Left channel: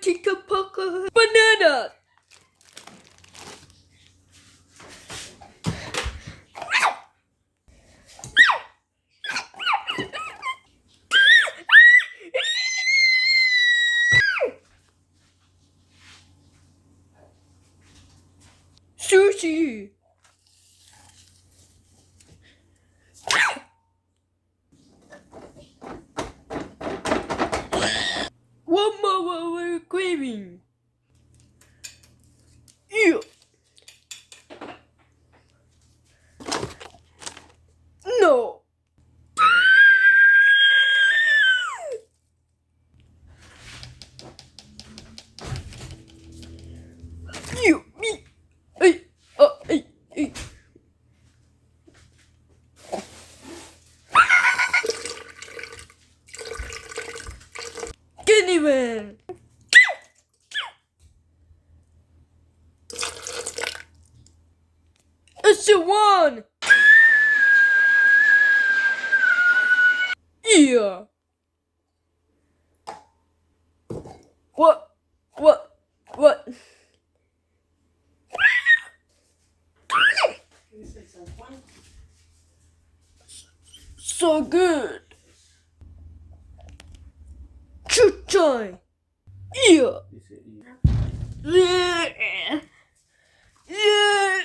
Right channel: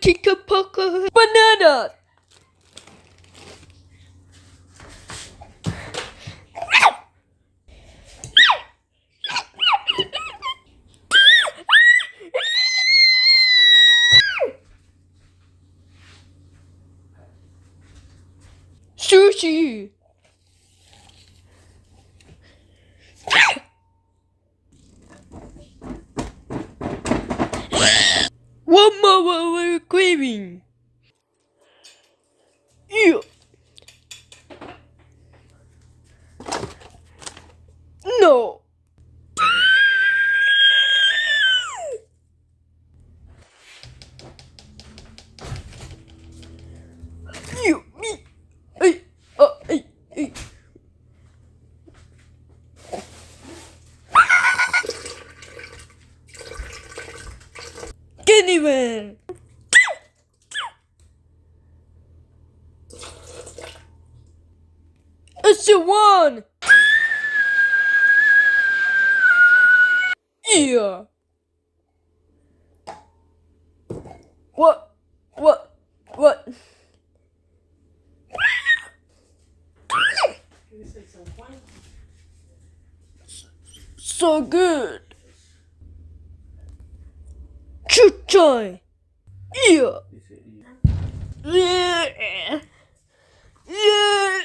chicken poker. Banana. Sushi. One more we're craving. Yeah. No. You, me. Hey, hey. Candyman. It's the one. Yeah. What? So good. Chuchoy. Yeah. Yeah. Yeah.